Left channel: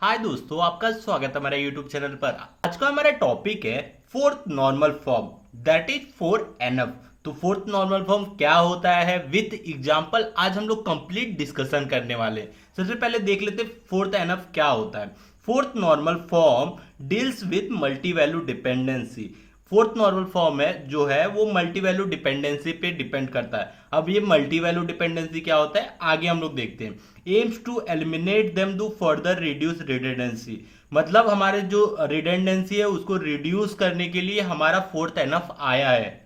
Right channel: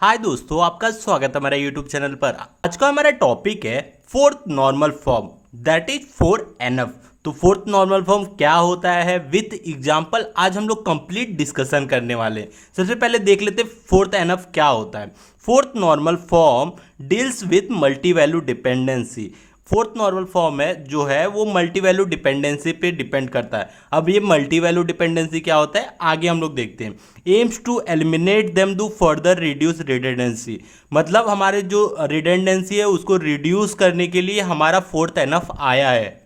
हाय दोस्तों, आपका स्वागत है हमारे YouTube चैनल पर। आज का हमारा टॉपिक है fourth normal form, that is four NF. तो फोर्थ नॉर्मल फॉर्म क्या होता है विथ एग्जांपल आज हम लोग कंप्लीट डिस्कशन करने वाले हैं। सबसे पहले देख लेते हैं फोर्थ एनएफ क्या होता है। Fourth normal form deals with multi value dependency. Fourth normal form है जो है वो मल्टी वैल्यू डिपेंडेंसी पे डिपेंड करता है। अब ये मल्टी वैल्यू डिपेंडेंसी क्या होता है आगे हम लोग देखते हैं। Aims to eliminate them do further reduce redundancy, मतलब हमारे जो रिडंडेंसी है उसको रिड्यूस करने के लिए हमारा फोर्थ एनएफ आया है।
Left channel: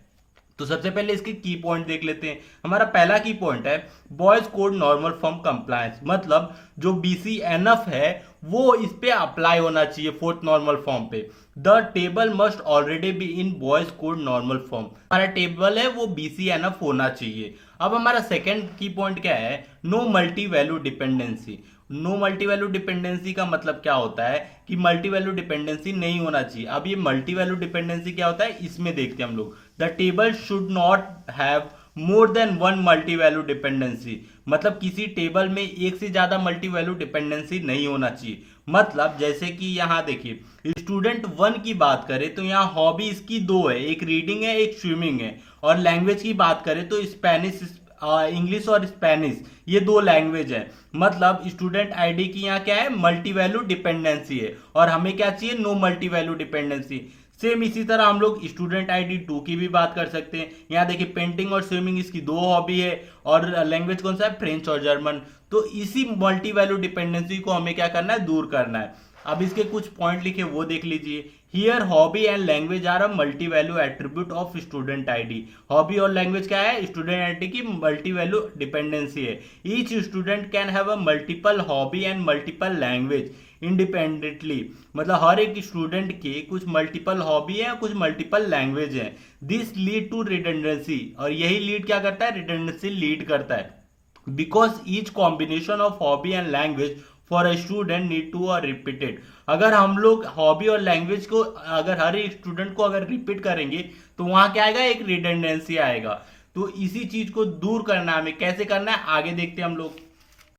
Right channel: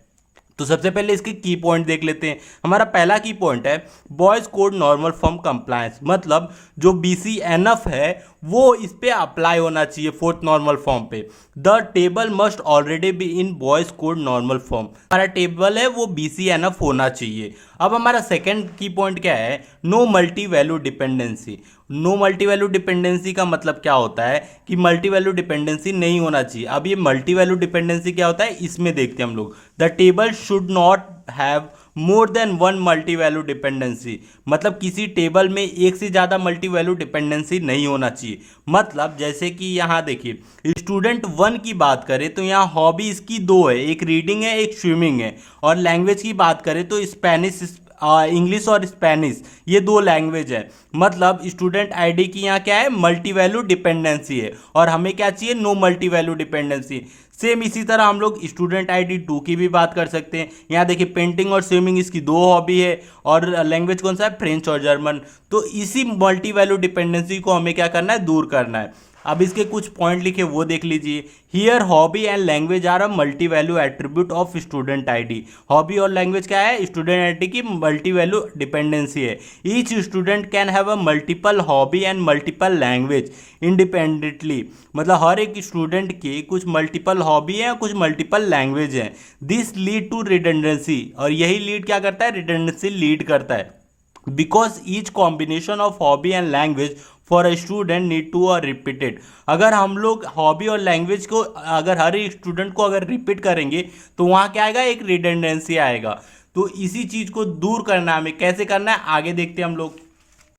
तो सबसे पहले इसके की पॉइंट देख लेते हैं। हमारा पहला की पॉइंट है boys code normal form compliance, मतलब जो BCNF है वो इस पे अप्लाई होना चाहिए फोर्थ नॉर्मल फॉर्म पे। The table must already be in boys code normal form, हमारा टेबल है वो BCNF होना चाहिए। अब हमारा सेकेंड की पॉइंट क्या है, no multi value dependency. No multi value dependency का मतलब क्या होता है कि मल्टी वैल्यू डिपेंडेंसी नहीं होना चाहिए। अब ये मल्टी वैल्यू डिपेंडेंसी क्या होता है इसमें देखते हैं हम लोग। The table should not have more than one multi value dependency, मतलब किसी टेबल में एक से ज्यादा मल्टी वैल्यू डिपेंडेंसी नहीं होना चाहिए। मतलब जैसे कि यहाँ देखिए स्टूडेंट 1 की बात करें तो यहाँ हॉबी इसकी दो है, एक रीडिंग है एक स्विमिंग है। और लैंग्वेज की बात करें तो स्पेनिश, इंग्लिश और स्पेनिश ये दो लैंग्वेज है। मतलब स्टूडेंट आईडी की यहाँ क्या है मल्टी वैल्यू डिपेंडेंसी है और हमें क्या चाहिए no multi value dependency. Same इसी तरह हम लोग स्टूडेंट आईडी 2 की भी बात कर सकते हैं। यहाँ देखिए पेंटिंग और स्विमिंग इसकी दो हॉबी है और लैंग्वेज कौन सा है फ्रेंच और जर्मन। तो इसी मल्टी वैल्यू डिपेंडेंसी को हमें क्या करना है दूर करना है। अब इसके कुछ पॉइंट लिखे वो देख लीजिए। Here hobby and language are a multi value attribute of student ID. Hobby और लैंग्वेज क्या है स्टूडेंट आईडी की मल्टी वैल्यू डिपेंडेंसी है। Each student can have a multiple hobby and multiple language independently, मतलब हर एक स्टूडेंट के कुछ मल्टीपल हॉबी है कुछ मल्टीपल लैंग्वेज है। दिस लीड टू रिडंडेंसी, और यही लीड क्या करता है रिडंडेंसी लीड करता है। Because each combination of hobby and language for a student need to are repeated. अगर हम लोग हॉबी और लैंग्वेज को अगर हर एक स्टूडेंट को अगर रिपीट करेंगे तो वहाँ क्या आएगा एक रिडंडेंसी आएगा। तो इसी चीज को दूर करना है हमें, कैसे करना है आगे देखते हैं हम लोग।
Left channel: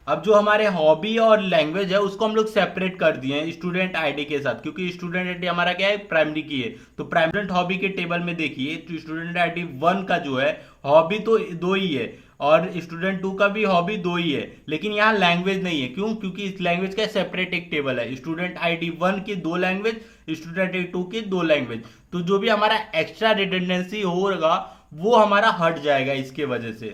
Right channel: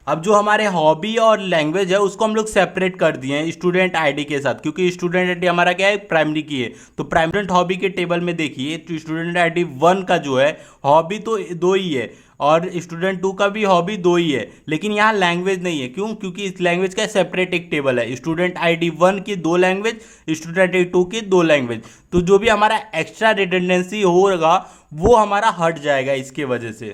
अब जो हमारे हॉबी और लैंग्वेज है उसको हम लोग सेपरेट कर दिए हैं स्टूडेंट आईडी के साथ, क्योंकि स्टूडेंट आईडी हमारा क्या है प्राइमरी की है। तो प्राइमरी हॉबी के टेबल में देखिए तो स्टूडेंट आईडी 1 का जो है हॉबी तो दो ही है और स्टूडेंट 2 का भी हॉबी दो ही है, लेकिन यहाँ लैंग्वेज नहीं है। क्यों? क्योंकि इस लैंग्वेज का सेपरेट एक टेबल है। स्टूडेंट आईडी 1 की दो लैंग्वेज, स्टूडेंट आईडी 2 की दो लैंग्वेज। तो जो भी हमारा एक्स्ट्रा रिडंडेंसी होगा वो हमारा हट जाएगा इसके वजह से।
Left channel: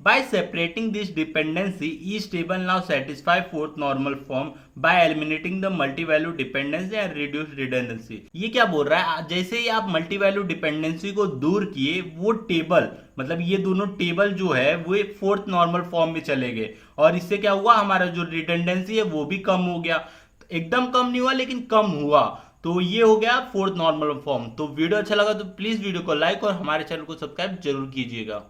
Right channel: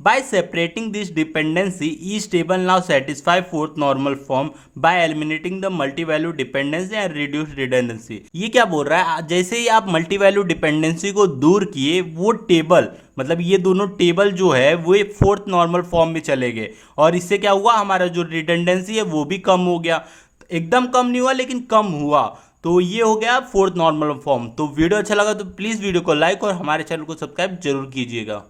By separating this dependency, each table now satisfy fourth normal form by eliminating the multi-value dependency and reduce redundancy। ये क्या बोल रहा है, जैसे ही आप मल्टी वैल्यू डिपेंडेंसी को दूर किए वो टेबल, मतलब ये दोनों टेबल जो है वो फोर्थ नॉर्मल फॉर्म में चले गए और इससे क्या हुआ हमारा जो रिडंडेंसी है वो भी कम हो गया। एकदम कम नहीं हुआ लेकिन कम हुआ। तो ये हो गया फोर्थ नॉर्मल फॉर्म। तो वीडियो अच्छा लगा तो प्लीज वीडियो को लाइक और हमारे चैनल को सब्सक्राइब जरूर कीजिएगा।